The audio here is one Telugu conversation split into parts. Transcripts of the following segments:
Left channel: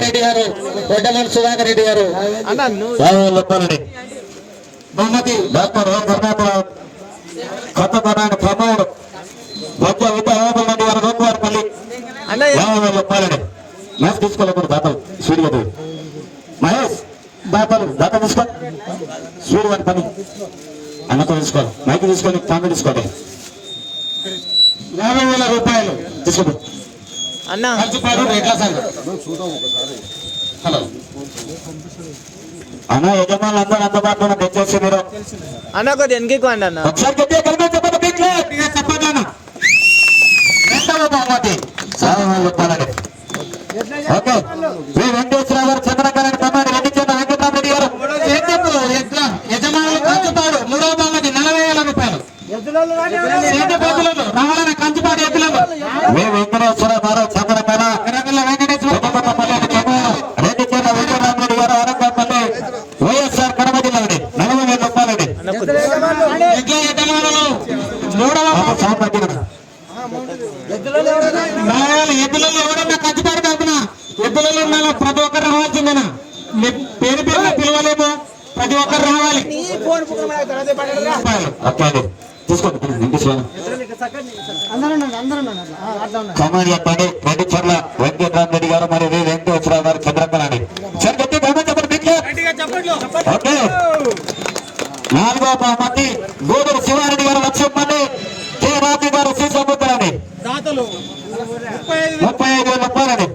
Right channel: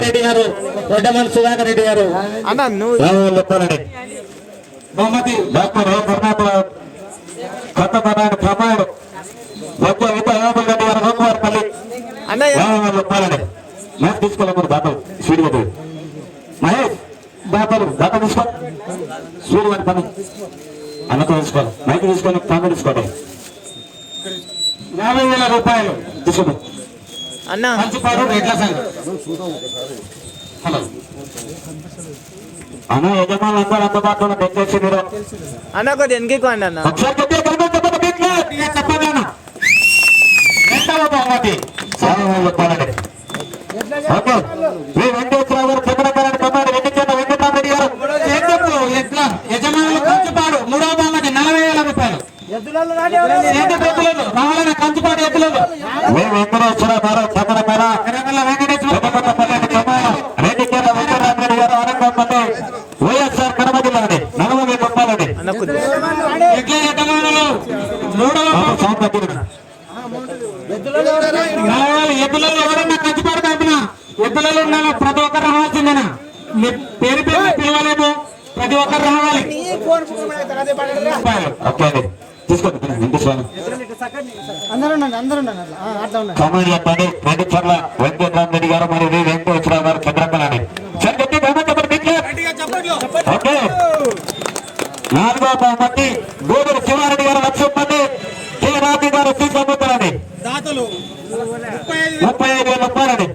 రెడ్డి గారు వడ్డమన్ సుధాకర్ రెడ్డి గారు అన్న నువ్వు చెప్పాలండి బహుమతి డాక్టర్ ఏ కర్ణాటక కొత్త కర్ణాటక ప్రమాణుడు విత యాభై రెడ్డి గారు అన్న యాభై వేలు చెప్పాలండి మ్యాచ్ తీసుకోలేదు దాతలు. గారు మహేష్ దాతలు దాత తీసుకో. స్వీడ్ గారి పని. అన్నతో తీసుకోవాలి మైక్ తీసుకొని తీసుకోండి యాభై వేల రూపాయలు. తీసుకోండి అన్న. అన్న యజమానులు అందరూ అందుబాటులో దయచేసి మీరు. అన్న ఒకటి వెనక్కి అండి అన్న? ఒకసారి చెప్పండి బిడ్డలు. ఇక చెప్పదన్న రెండవ బహుమతి. సారవాళ్ళు చెప్పాలండి. ఓకే. శ్రీ వెంకటేశ్వర గారు చంద్రకరణ కమాండ్ వెంకటేశ్వర వెంకటరామరెడ్డి గారు. ఎట్లా? యజమానులు కంచుపాడు మూడవ బహుమతి నలభై వేల రూపాయలు సేటి బొద్దులలో రావాలని కంచుపాడు ఎత్తులేదు వి వెంకటేశ్వర గారు చంద్రకర ఎర్రగొల్ల వెంకటేశ్వర వెంకటపల్లి జగన్ రెడ్డి కింద వెంకటరామరెడ్డి గారు ఆనందపల్లి వైఎస్ఆర్ కడప జిల్లాని నలభై వేల మూడవ ఎద్దులలో ఎవరన్నా తరపున ఎద్దులలో ఉండాలి ప్రతి ఒక్కరు రావాల్సిందేనా? మీ పేరు పేరు పిలవలేము ప్రతి ఒక్కరు రావాలి. ఓకే అండి తీసుకోండి వెంకటేశ్వర కమాండ్ చెప్పండి రెడ్డి చర్ల వెంకటరామ రెడ్డి గారు మరియు వి వెంకటేశ్వరరావు గారు చంద్రకళని సార్ గట్టి బహుమతి చెప్పండి నాలుగో బహుమతి గోదూరు శివారెడ్డి గారు చెప్పండి కె రాజు గారు శ్రీసముద్రాన్ని ముప్పై ఐదు వేల రూపాయలండి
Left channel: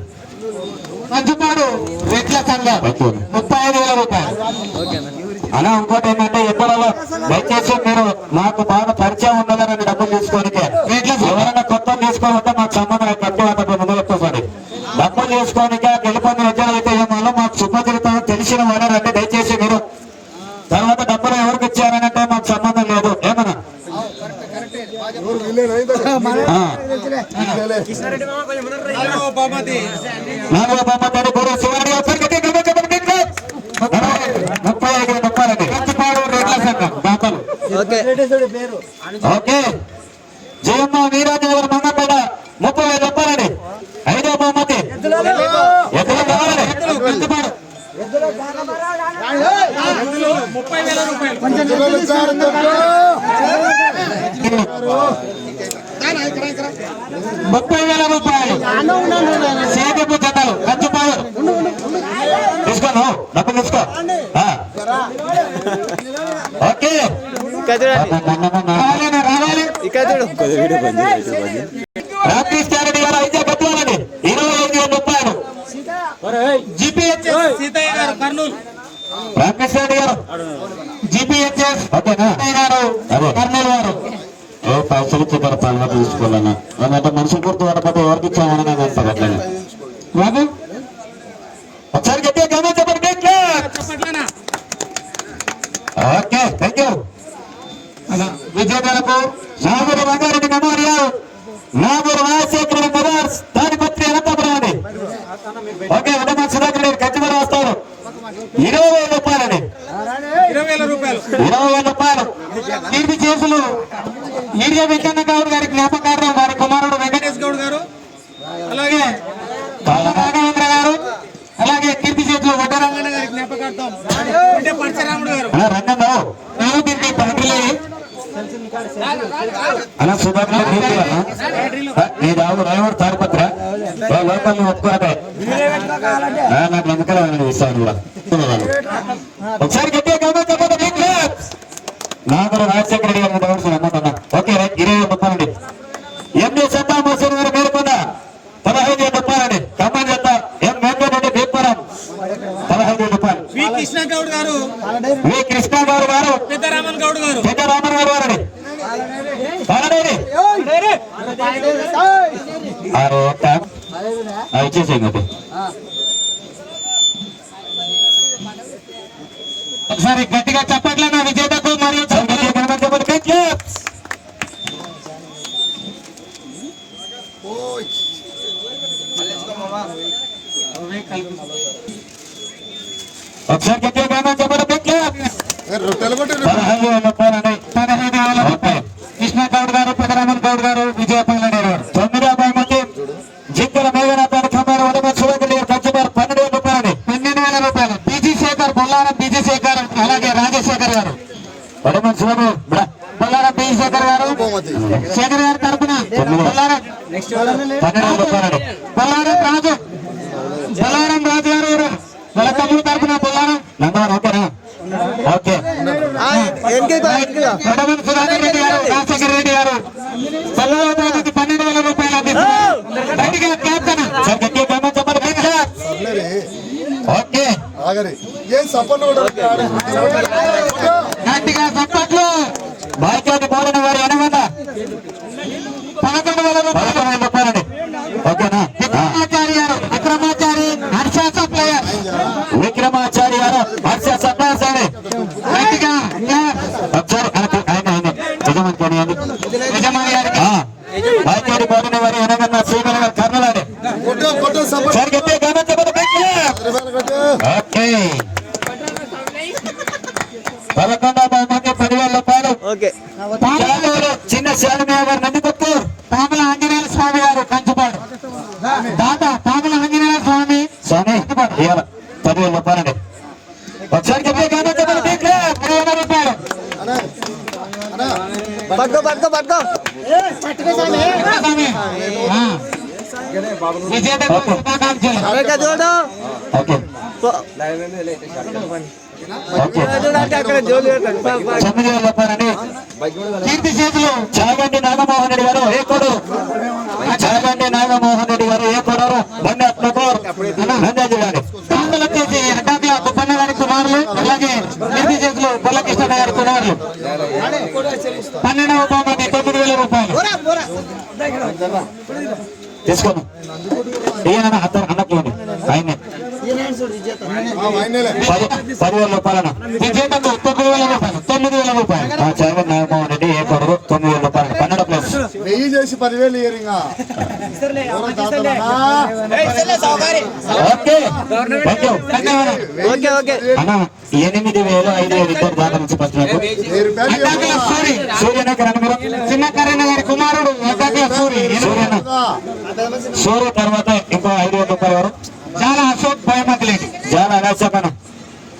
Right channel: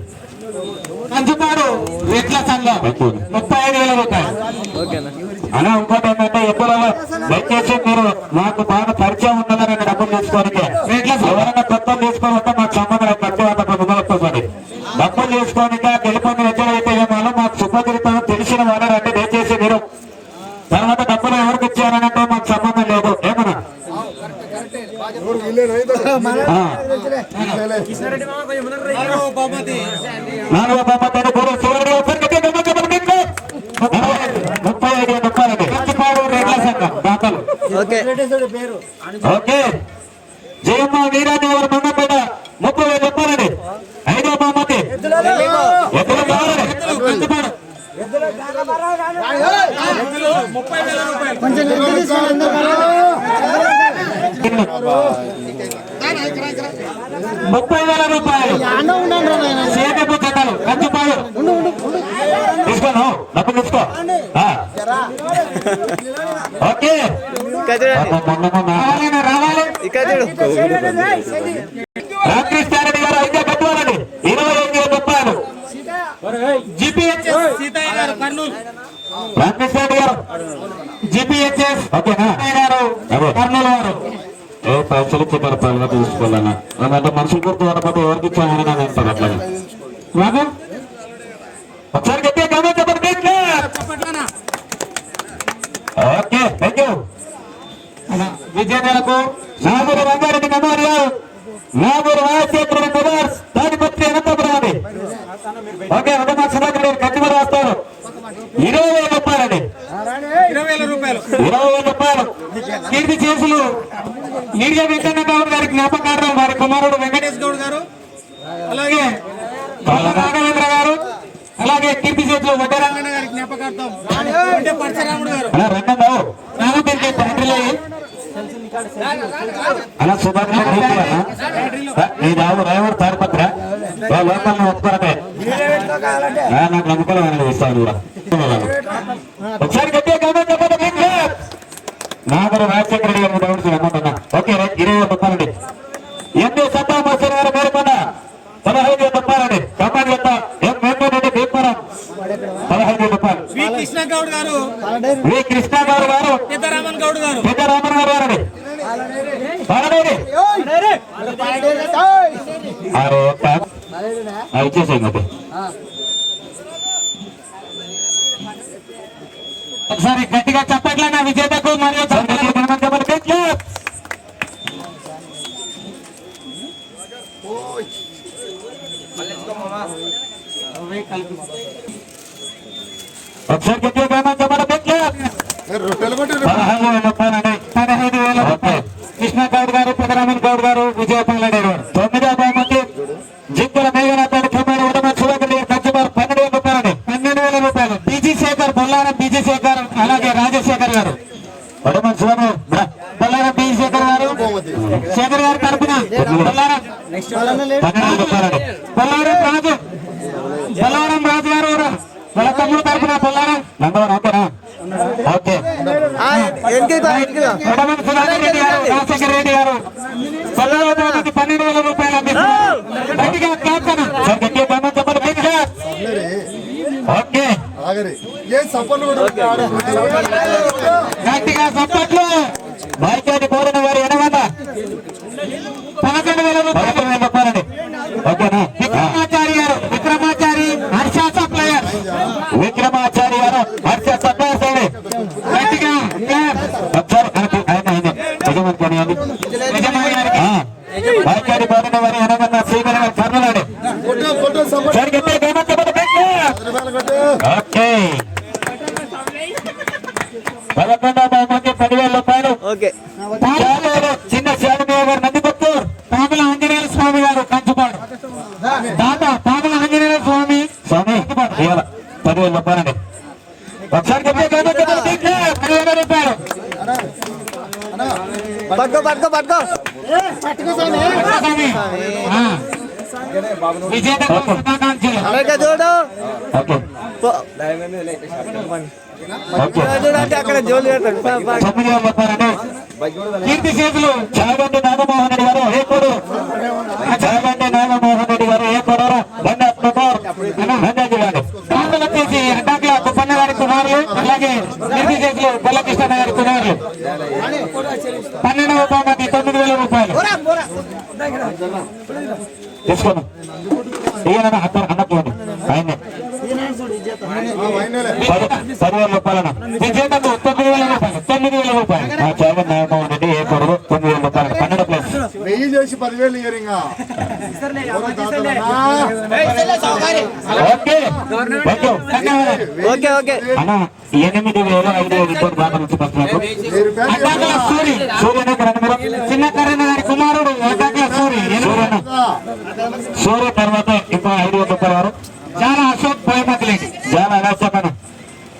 కంచుపాడు రెట్ల సంఘం ముప్పై ఐదు వేల రూపాయలు అలా ఇంకోటి ఏంటంటే ఎప్పుడైనా దయచేసి మీరు మాకు బాగా పరిచయం ఉన్నదని డబ్బులు తీసుకోవడానికి ఎవరైనా కొత్త తీసుకొని వస్తే మాకు సంబంధం లేదు. కట్టి వద్ద ముందర వస్తుంది డబ్బులు తీసుకోవడానికి గెలుపొంది విద్యలు అయితే ఏమో మాకు సుపరిచితం తెలిసిన వారే రండి దయచేసి మీరు తర్వాత డబ్బులు ఎవరికి ఇచ్చారనంటే మాకు సంబంధం లేదు ఏమన్నా నాలుగవ బహుమతి నాలుగో బొమ్మతోని గురు శివరెడ్డి గారు ఒకసారి గట్టిగా గమనించండి మీకు. ముప్పై ఐదు రూపాయలండి కంచిపాడు రేట్ల సంఘం దాతలు ఓకే. ఓకే. జయమ్మ వీరాజు గారు మంగపేట ముప్పై వేల రూపాయలండి ఐదో బహుమతి. ముప్పై వేల రూపాయలు. ముప్పై వేల రూపాయలు. సేదపు జతలు కంచిపాడు తీసుకోను డబ్బులు తీసుకో. ఓకే. రామకృష్ణారెడ్డి గారు అయితే కట్టుకోవాలండి ఇరవై ఐదు వేల రూపాయలు. జిపిహెచ్ఎస్ సీతయ్య గారు గారు. జిపిహెచ్ఎస్ గారు కర్నూలు వారు. ఏ పైసలు ఇచ్చేటారు పనులు తీసుకోవాలని అంటే మనుషుల గుర్తు పడకపోతే ఎవరికి ఇచ్చామని నేను అంటారు అట్లా ఒకసారి గట్టిగా గమనం చెప్పండి ఓకే థ్యాంక్ యూ విజేతలకు నాగూరు రంగారెడ్డి మెమోరియల్ నాగూరు రాజశేఖర బ్రదర్స్ తాడిపత్రి అనంతపురం అండి ఓకే వడ్డమా సుధాకర్ రెడ్డి కచ్చిమడి వస్తారు ఇరవై వేల రూపాయలండి ఇరవై వేల రూపాయలు ఇరవై వేల రూపాయలు కీర్తి చేసులు మీడియా వెంకన్న గౌడ్ గారి జ్ఞాపకార్థం వారి కుమారుడు వెంకటేష్ వెంకటేష్ గౌడ్ గారు అలాగే కళ్ళ రాఘవేంద్ర గారు అలాగే కీర్తి చేతులు వడ్డర తెలంగాణ గారి జ్ఞాపకార్థం అంటే పరశురాముడు గారు రెండో నాకు దీనికి బ్యాటరీలు అలా సుధాకర్ నీ దావు డ్రైవర్ తాడిపత్ర లోకల్ ఒప్పుకోరకే నాకు నమ్మకం ఇస్తాను కూడా. ఒకసారి గట్టిగా మీకు. నాగర రాజశేఖర రెడ్డి గారు అమౌంట్ అన్నా ఓకే రైట్ ఇరవై వేలు రూపాయలండి ఎండి సత్తా మోసన్ గారు మేరకొండ పదహైదు వేల రూపాయలండి కమాండ్ చెత్త ఎం వెంకటరెడ్డి భీమపురం పదహైదు వేల రూపాయలు వి కృష్ణ గౌడ్ గారు. వి కృష్ణ గారు. గారు పెద్దరామన్ గౌడ్ గారు రామరావు గారండి పదహైదు ఆరు ఒక్క ఇచ్చేసేయండి అది ఒకసారి గట్టిగా చెప్పట్లే నా విజేతకు మరియు గట్టిగా గమనం చెప్పండి. Big claps. ఒకసారి గట్టిగా గమనం చెప్పండి. Big claps. పదహైదు వేల రూపాయలండి పదహైదు వేల రూపాయలు కృష్ణ గౌడ్ గారు పెదరామన్ గౌడ్ గారు విజయపల్లి గారు తొమ్మిదో బహుమతి జింకల మేఘనాథాన్ని కమ్మారు వడమ శివగలి కచ్చబారు పన్నెండు వేల రూపాయలని పన్నెండు వేల రూపాయలు B G Shekar Bollaram B G Shekar అలాగే రాజశేఖర్ గారు వడమ శివము బొల్లారం బీజీ శేఖర్ గారు శేఖర్ గారి తరపున బొల్లారం పన్నెండు వేల రూపాయలని బొల్లారం రాజు బొల్లారం రాజు గారు ఎవరు? వాళ్ళ తమ్ముడు తరపున బొల్లారం నందవరం ఓకేనా ఓకే వెనక్కి వెనక్కి వడమ సుధాకర్ రెడ్డి గారు రాజశేఖర్ రెడ్డి గారు బొల్లారం రాజుకి పన్నెండు వేల రూపాయలు చప్పట్లు బాధ్యత పౌరుని వారి ఎనగంట పదకొండు వేల రూపాయలు. చెప్పారండి ఓకేనా విక్రమాచారి గారు విక్రమాచారి హర్ష సప్లయర్ విక్రమాచారి గారు హర్ష సప్లయర్ సైడ్ గట్టిగా ఒకసారి ఆయన ఆయన ఆయన యజమాని కొనియండి బాధ్యత పౌరుని వారి ఎనగంట శ్రీమల గారు కర్నలాడే సార్ గట్టిగా గమనించి ఓకే. పదకొండవ బహుమతి పదివేల రూపాయలు. చిన్న శాలిదేవి గారు నందికొత్తు పాముల ఆంజనేయ స్వామి గారు కంచుపాడు దాదా పాముల ఆంజనేయ స్వామి స్వామి కంచుపాడు ఇవాళ పదివేల రూపాయలండి ఒకసారి చెప్పే గమనించి పదివేల రూపాయలు పట్టుకో పట్టుకో పట్టుకో. అమెరికా చూడు. చూడు అంటే అక్కడ జోలు పెడతాడు. పా, పా. తొమ్మిది వేల రూపాయలండి కీర్తి చేతులు. చాగంటి నాగమోహన్ రెడ్డి గారు ఏ కొడు చాగంటి నాగమోహన్ రెడ్డి గారు ఏ కొడు బండి అక్టోబర్ రంజాజీ గారు అలాగే నిధి చేతులు బలకృష్ణ గారి కుమారులు పన్నెండవ బహుమతి తొమ్మిది వేల రూపాయలు. తీసుకోను ఈయన అద్దరు అన్నప్పుడు ఆయనే. పదివేల రూపాయలను విజేతకు తొమ్మిది వేల రూపాయలు తొమ్మిది వేల రూపాయలు. ఆ చాగంటి నాగమోహన్ రెడ్డి ఏ కొడు తొమ్మిది వేల రూపాయలు. నెయ్యి చేసి పదివేలు ఇయరింగా ఓకే. Okay okay. అన్న ఎనిమిది వేలు ఐదు నుంచి అని మీరు చిన్న కరీణ గారి కుమారుడు సూర్య తర్వాత ఇంకా ఐదు వేల రూపాయలు చాలా అశోక్ భయమతిలేండి చాలా అనాశకన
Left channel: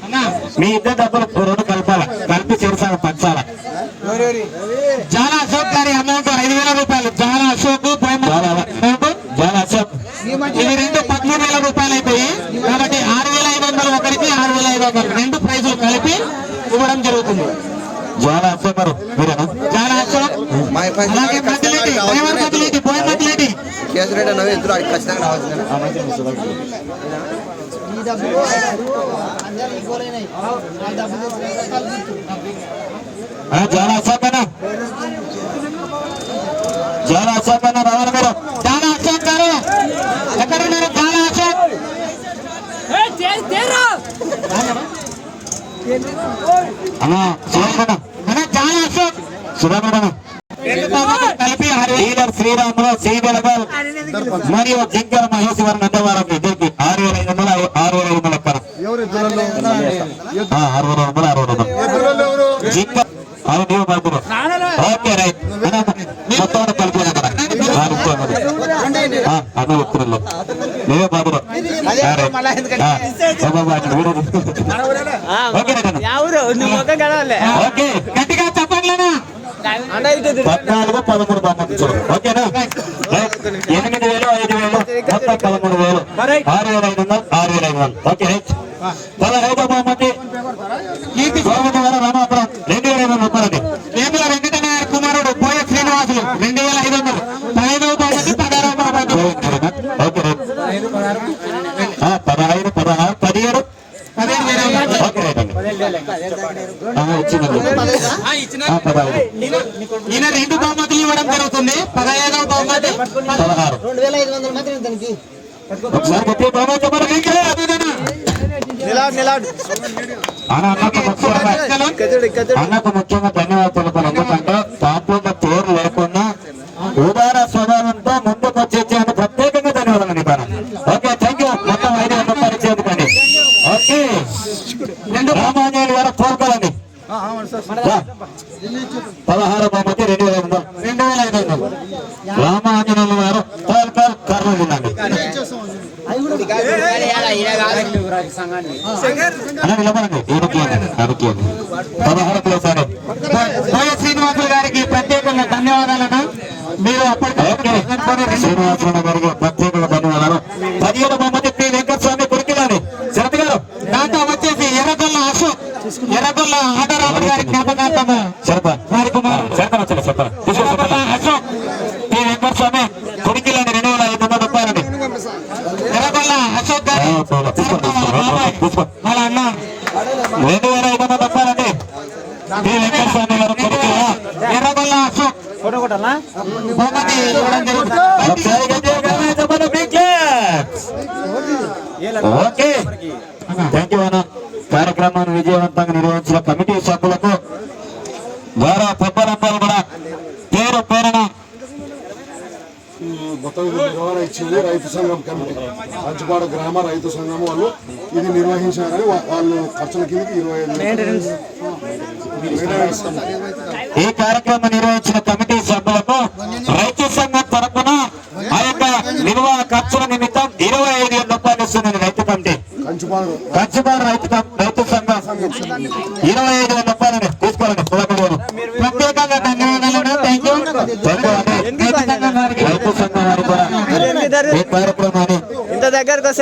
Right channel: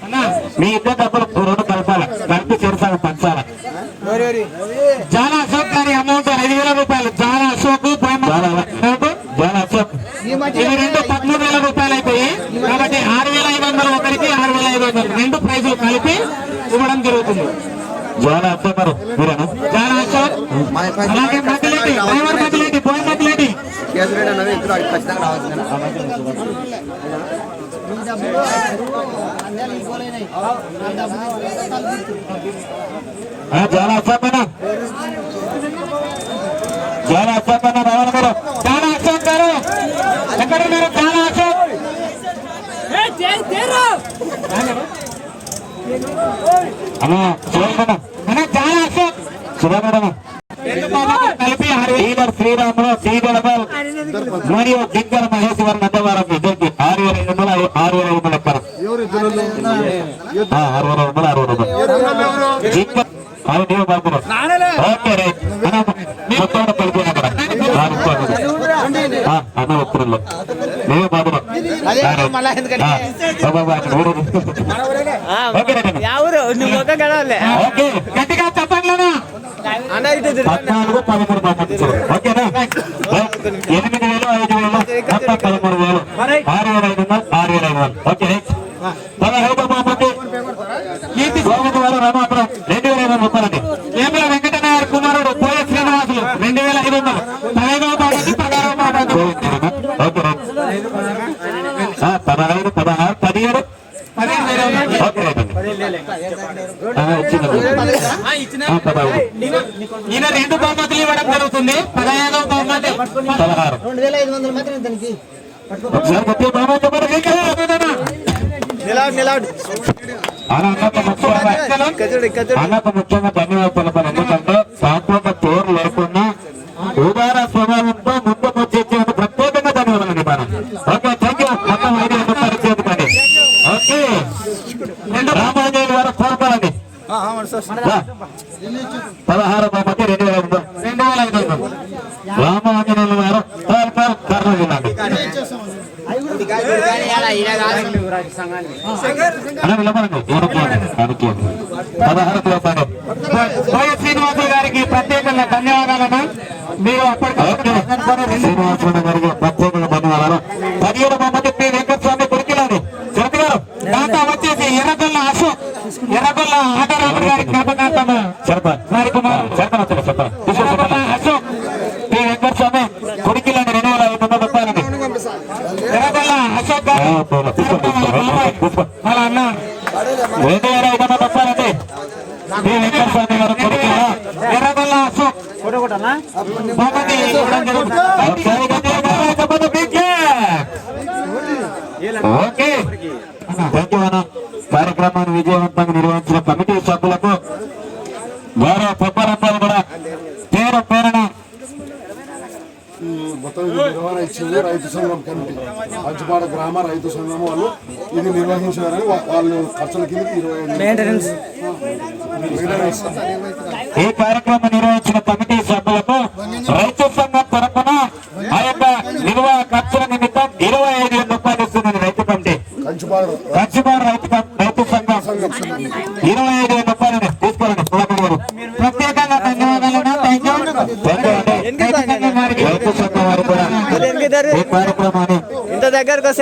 అన్న. మీ ఇద్దరు డబ్బులు రెండు కలపాలి. కలిపి చేరుసాగు పంచాల. చాలా అశోక్ గారి అమౌంట్ ఐదు వేల రూపాయలు చాలా అశోక్ అమౌంట్ చాలా అశోక్ ఇవి రెండు పదమూడు వేల రూపాయలు అయిపోయి కాబట్టి ఆరు వేల ఐదు వందలు ఒకరికి ఆరు వేల ఐదు వందలు రెండు ప్రైజులు కలిపి ఇవ్వడం జరుగుతుంది. చాలా అశోక్ గారు మీరేనా? చాలా అశోక్ అలాగే మధ్యలేటి డ్రైవర్ మధ్యలేటి పోయి మధ్యలేటి రావాలి మీరు చాలా అశోక్ గారు ఎక్కడ ఉన్నారు చాలా అశోక్ అన్న శివగణ అన్న చాలా అశోక్ శివగణ కలిపి లీడర్ శ్రీరాములు శ్రీధర గారు మరియు జింకర మహేశ్వర నందవారం ఇద్దరికి ఆరు వేల ఐదు వందల ఆరు వేల ఐదు వందల ఆ, ఆరు వేల వందల ఆరు వేల ఐదు అది నీవు బాబురు ఓకే రైట్ మొత్తం కలిపి అక్కడ అన్న వ్యక్తులు నీవే బాబురు ఆ, రైట్. ఆ, బాబా, బాబా, అక్కడ ఊరు. ఆ, ఓకే నువ్వు ఒక గడవలే ఓకే గట్టిగా చెప్పండి అన్న ఇటు తిరుగు. పద్నాలుగు పదమూడు పంపించారు ఓకేనా రైట్. ఎనిమిది వేలు ఐదు వేలు మొత్తం పదమూడు వేలు ఆరు వేల ఐదు వందలు ఆరు వేల ఐదు వందలు ఓకే రైట్ పదహైదు బహుమతి కీర్తి గోవింద గారు రామాపురం రెండు వేల ఐదు వందలు రూపాయలండి వేముల వెంకటనాయర్ కుమారుడు పోయే శ్రీనివాసులు రెండు వేల ఐదు వందలు పదహైదవ బహుమతి పదహారవ బహుమతి ఓకే రైట్ ఆ, పదహైదు పదహారు పదిహేడు పదిహేడు వేల ఐదు వందలు. ఓకే రైట్ అండి ఆ, ఇచ్చిందండి ఆ, పదహైదు ఈయన రెండు బహుమతులు ఇవ్వడం జరుగుతుంది. పదహైదవ బహుమతి. పదహారు. అన్న, అన్నకు ముఖ్యంగా ఇక్కడ చూడు ఇక్కడ చూడు అన్నకు ముఖ్యంగా ధన్యవాదాలు తెలపాలి ఎందుకంటే దాంట్లో పేరు లేకుండా ఉదార స్వభావంతో ముందుకు వచ్చేందుకు ప్రత్యేకంగా ధన్యవాదాలు నిపాను ఓకే థ్యాంక్ యూ మొత్తం ఐదు వందల పరిచయండి ఓకే రామాంజనేయులు గారు కోరుకోండి పదహారు బహుమతి రెండు వేల ఐదు వందలు రెండు వేల ఐదు వందలు రామాంజనేయులు గారు కోరుకోరు కర్నూలు ఉండండి అన్న, నిలబడండి. ఎవరికి ఇవ్వండి? ఎవరికి ఇవ్వండి? పదహారు ప్లేస్ గారికి ప్రత్యేకంగా ధన్యవాదాలను మీరు అప్పటికి గారికి ప్రత్యేకంగా ధన్యవాదాలు పదిహేడు బొమ్మతి పి వెంకటస్వామి గురికిలాని శరత్ గారు దాంతో వచ్చేసి ఎర్రగొల్ల అశోక్ ఎర్రగొల్ల ఆటరాజు గారికి జ్ఞాపకార్థము శరత గారికి శరతన వచ్చారు శరతన తీసుకో శరతన అశోక్ పి వెంకటస్వామి గురికిలాని రెండు వేల ఐదు వందల రూపాయలని ఎర్రగొల్ల అశోక్ గారు తీసుకో తీసుకో వాళ్ళ అన్న. రెండు వేల ఐదు వందల రూపాయలండి పి వెంకటస్వామి గారు కొడుకుల ఎర్రగొల్ల అశోక్ బహుమతి ఇవ్వడం జరుగుతుంది. ఒకసారి గట్టిగా గట్టిగా చెప్పండి, big claps. Okay. Thank you అన్న. కార్యక్రమాన్ని విజయవంతంగా నిర్వహించిన కమిటీ సభ్యులకు గౌరవ పెద్దలందరూ కూడా పేరు పేరున మొత్తం ఇది నిర్వహణ ఇచ్చింది రైతు సంఘం కమిటీ. కంచుపాడ గ్రామ రైతు సంఘం వాళ్ళు ఇది నిర్వహించారని వాళ్ళు ఖర్చుల కిందకి ఇరవై ఈ కార్యక్రమం నిర్వహించిన కమిటీ సభ్యులకు రైతు సంఘం తరపున ఆ యొక్క నిల్వ ఖర్చుల నిమిత్తం ఇరవై ఐదు వేల రూపాయలు ఇస్తున్నది రైతు కమిటీ. కంచుపాడు. కంచిపాడు రైతు రైతు సంఘం. ఇరవై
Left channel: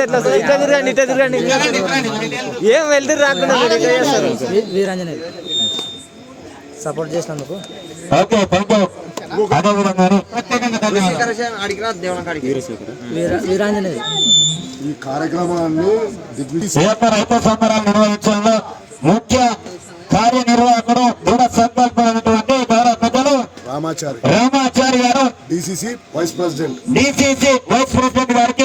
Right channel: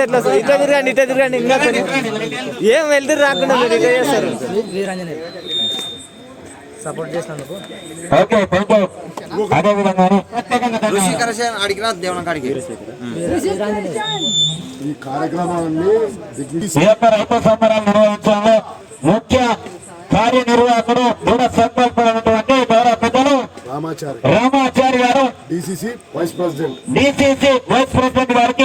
ఎట్లా వస్తుంది? ఇట్లా తిరగండి ఇట్లా తిరగండి. ఏం వెళ్తురు రాకుండా మీరు ఇట్లా చేస్తారు? సపోర్ట్ చేసినందుకు. ఓకే థ్యాంక్ యూ అదే విధంగా ప్రత్యేకంగా ధన్యవాదాలు. ఈ కార్యక్రమాన్ని రైతు నిర్వహించడంలో ముఖ్య కార్యనిర్వాహకుడు దృఢ సంకల్పమైనటువంటి గౌరవ పెద్దలు రామాచారి. రామాచారి గారు DCC vice president. DCC vice president గారికి